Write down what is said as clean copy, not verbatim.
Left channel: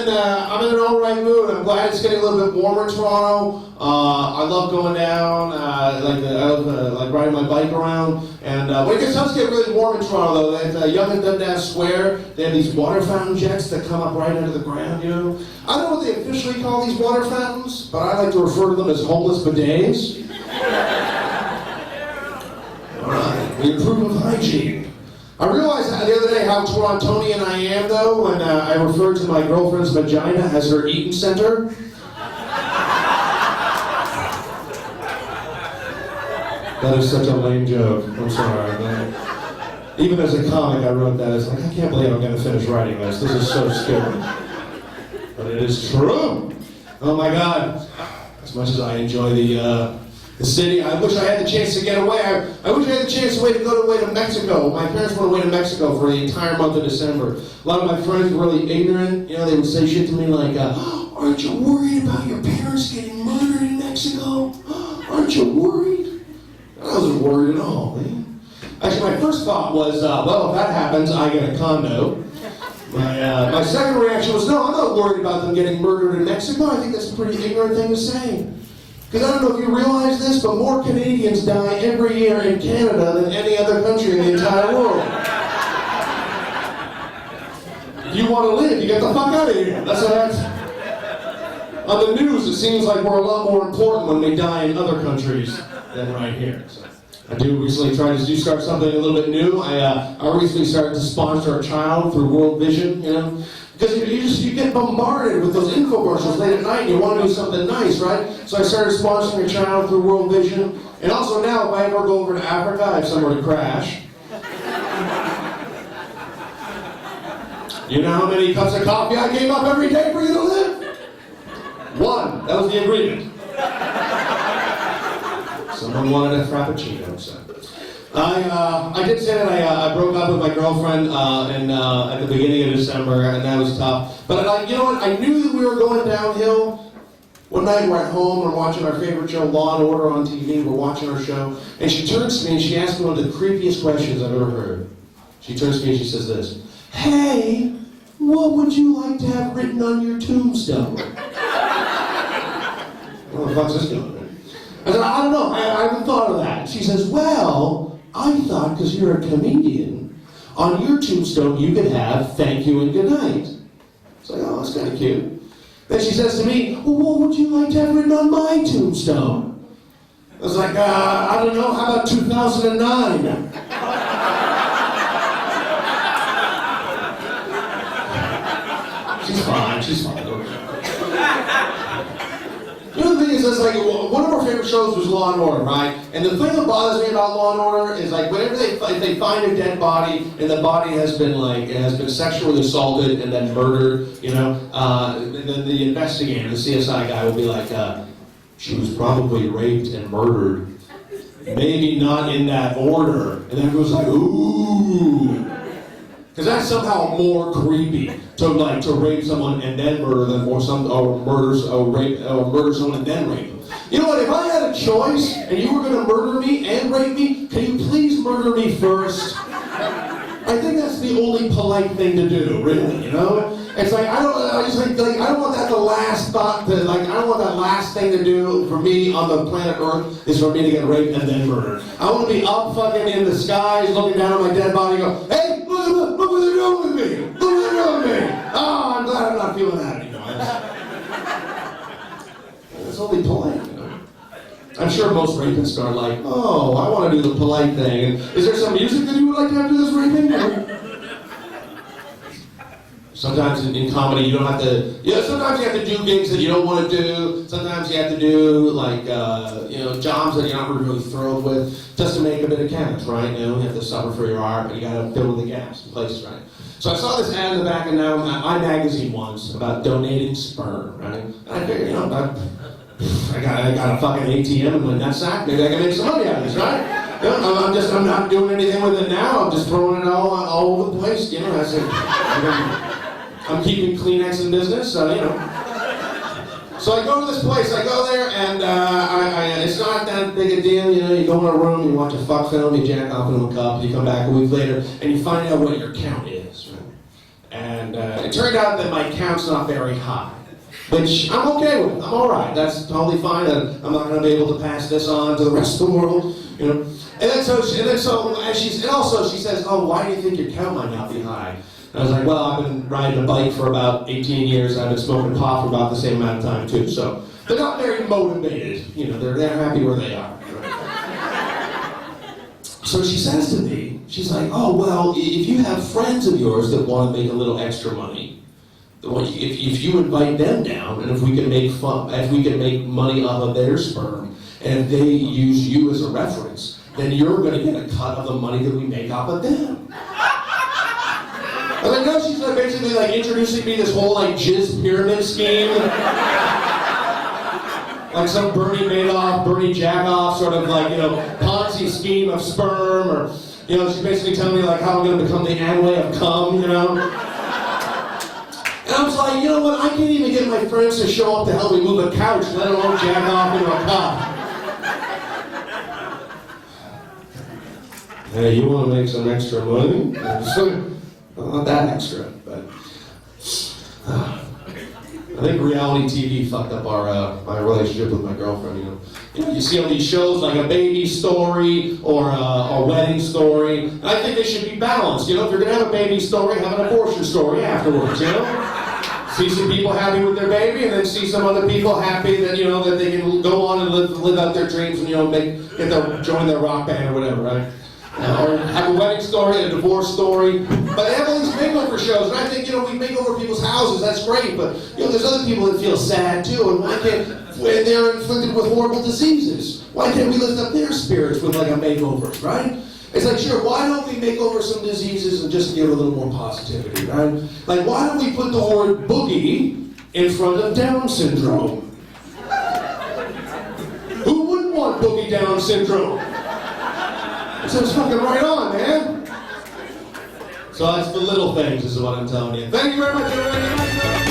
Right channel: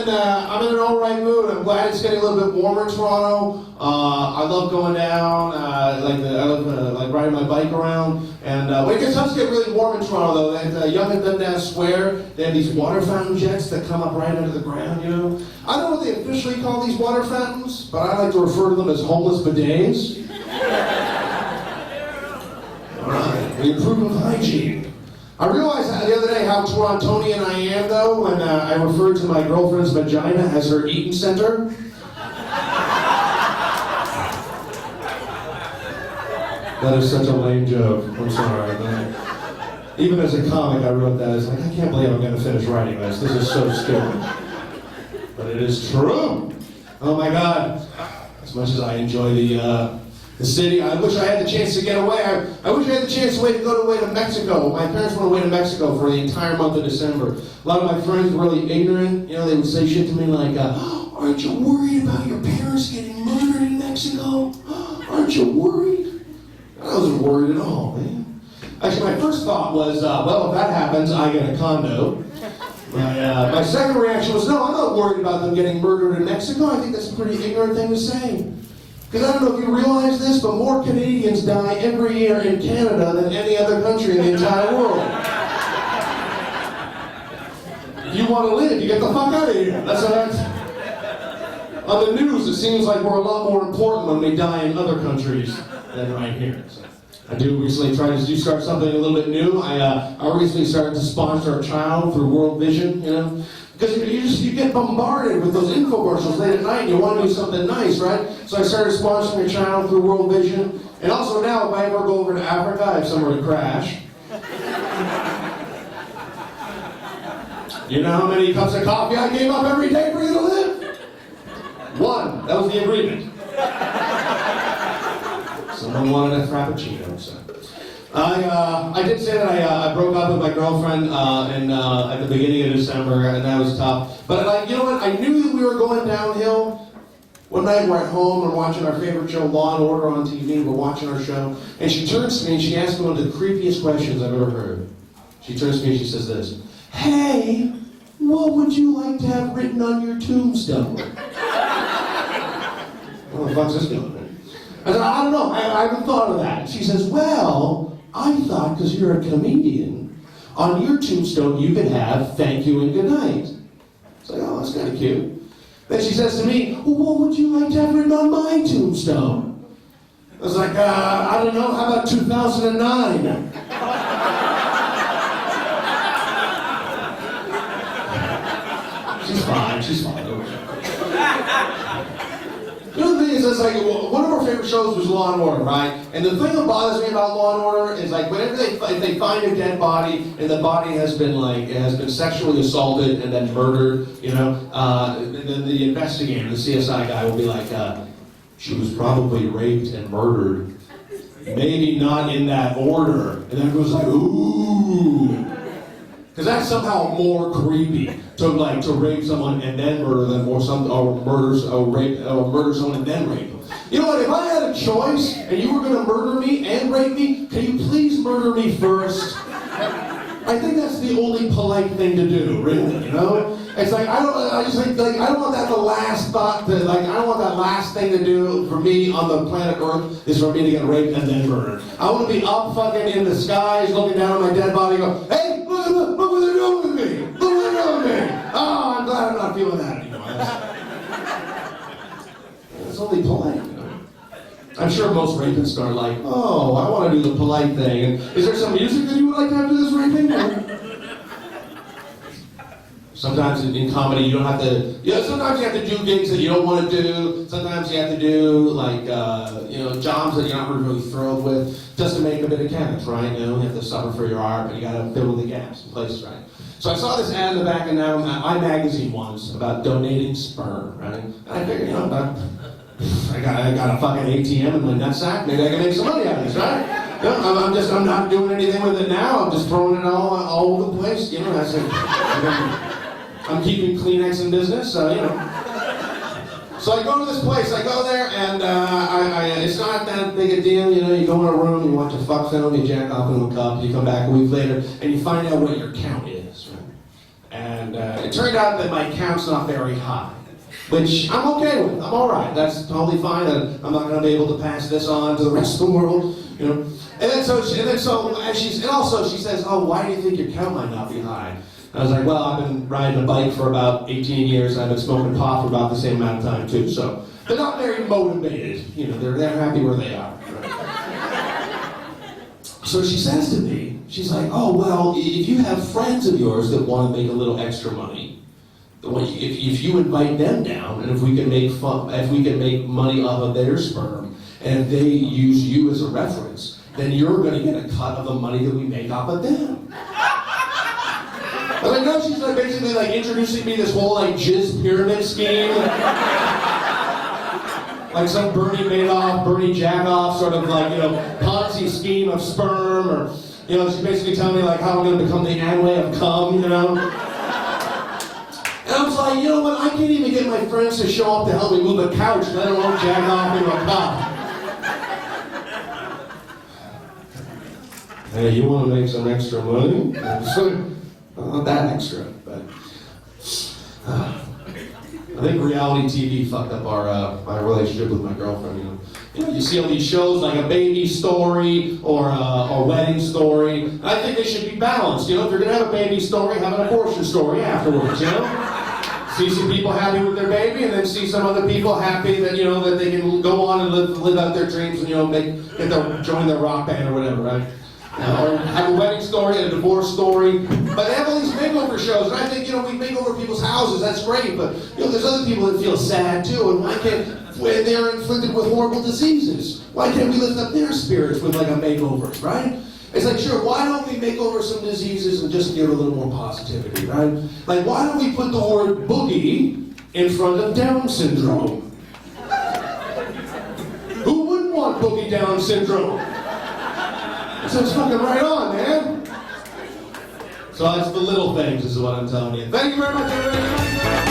I'm in an all right mood. I'm glad it's getting a little bit warmer in Toronto. I love going down. I love riding my bike around. And when it does get really warm in Toronto, though, at Yonge and Dundas Square, they have these water fountain jets that come up right out of the ground. You know, I don't know what they officially call these water fountains, but I like to refer to them as homeless bidets. All right, we improve with hygiene. I realized the other day how Torontonian I am, though, when I referred to my girlfriend's vagina as her eating center. That is such a lame joke. I'm sorry. Even as a comic, I wrote that. It's like, I can't believe I'm going to finish writing this. This is so stupid. But it is true. Oh my God. As much as I enjoy the city, I wish I had the chance to get away. I wish I had the chance to go away to Mexico. My parents went away to Mexico for the entire month of December. A lot of my friends were really ignorant. You know, they would say shit to me like, aren't you worried about your parents getting murdered in Mexico? Aren't you worried? I wasn't worried at all, man. Actually, my first thought was, well, if that happens, I get a condo. My second reaction was, no, I'm not worried about them getting murdered in Mexico. I think that's a pretty ignorant thing to say. Because I don't know if you realize this, but more Canadians die every year in Canada than any other country in the entire world. You want to live, you get the fuck out of here. That's what that's... On the news, it seems like we're a lot more important when we die in other countries than right here. So I do recently try to start something a little bit new. I recently started to sponsor a child through World Vision, you know. Because you get bombarded with those infomercials late at night and you want to do something nice, right? So I started sponsoring a child through World Vision. And also now, if I ever go over to Africa, I have somewhere to crash. You know how many cups of coffee I gave up every day for you to live? 1. That was the agreement. Someone wanted a frappuccino, so. I did say that I broke up with my girlfriend at the beginning of December, and that was tough. But you know what? I knew that we were going downhill. One night we're at home, we're watching our favorite show, Law and Order on TV. We're watching our show, and she turns to me and she asks me one of the creepiest questions I've ever heard. She turns to me and she says this: "Hey, what would you like to have written on your tombstone?" Where the fuck's this going? I said, I don't know, I haven't thought of that. She says, well, I thought because you're a comedian, on your tombstone you could have thank you and good night. It's like, oh, that's kind of cute. Then she says to me, well, what would you like to have written on my tombstone? I was like, I don't know, how about 2009? She's fine. You know, the thing is, it's like, one of our favorite shows was Law and Order, right? And the thing that bothers me about Law and Order is, like, whenever if they find a dead body and the body has been sexually assaulted and then murdered, you know, and then the investigator, the CSI guy, will be like, she was probably raped and murdered, maybe not in that order. And then everyone's like, ooh. Because that's somehow more creepy to rape someone and then murder them, or murder someone and then rape them. You know what? If I had a choice and you were going to murder me and rape me, can you please murder me first? I think that's the only polite thing to do, really. You know? It's like I don't want that the last thought. I don't want that last thing to do for me on the planet Earth is for me to get raped and then murdered. I want to be up fucking in the skies, looking down at my dead body, and go, hey. Look what they're doing with me! Look what they're doing with me! Oh, I'm glad I'm not feeling that anymore. It's only polite, you know. I'm sure most rapists are like, oh, I want to do the polite thing. And is there some music that you would like to have to this raping? Sometimes in comedy you don't have to, sometimes you have to do gigs that you don't want to do. Sometimes you have to do jobs that you're not really thrilled with just to make a bit of cash, right? You know, you have to suffer for your art, but you got to fill in the gaps in places, right? So I saw this ad in the back of iMagazine once about donating sperm, right? And I figured, I got a fucking ATM in my nutsack. Maybe I can make some money out of this, right? I'm not doing anything with it now. I'm just throwing it all over the place. You know, I said, I'm keeping Kleenex in business, so you know. So I go to this place, I go there, and it's not that big a deal, you know, you go in a room, you watch a fuck film, you jack off into a cup, you come back a week later, and you find out what your count is, right? And it turned out that my count's not very high, which I'm okay with. I'm all right. That's totally fine. I'm not going to be able to pass this on to the rest of the world, you know. And also she says, "Oh, why do you think your count might not be high?" And I was like, "Well, I've been riding a bike for about 18 years. I've been smoking pot for about the same amount of time too. So they're not very motivated. You know, they're happy where they are." Right? So she says to me, she's like, "Oh, well, if you have friends of yours that want to make a little extra money, if you invite them down, and if we can make money off of their sperm, and if they use you as a reference, then you're going to get a cut of the money that we make off of them." I was like, no, she's like basically like introducing me this whole like jizz pyramid scheme. Like some Bernie Madoff, Bernie Jackoff sort of like, you know, Ponzi scheme of sperm, or, you know, she's basically telling me like how I'm going to become the Amway of cum, you know. And I was like, you know what, I can't even get my friends to show up to help me move a couch, let alone jack off into a cup. Hey, you want to make some extra money? Not that extra, but I think reality TV fucked up my relationship with my girlfriend. You know, you see all these shows like A Baby Story or A Wedding Story. And I think they should be balanced. You know, if you're gonna have a baby story, have an abortion story afterwards. You know, see some people happy with their baby, and then see some other people happy that that they can go on and live out their dreams and join their rock band or whatever, right? Or have a wedding story, a divorce story. But they have all these makeover shows, and I think, we make over people's houses, that's great, but, there's other people that feel sad too, and why can't, when they're inflicted with horrible diseases, why can't we lift up their spirits with like a makeover, right? It's like, sure, why don't we make over some diseases and just give a little more positivity, right? Like, why don't we put the word boogie in front of Down syndrome? Who wouldn't want boogie Down syndrome? So it's fucking right on, man. So that's the little things, is what I'm telling you. Thank you very much, everybody.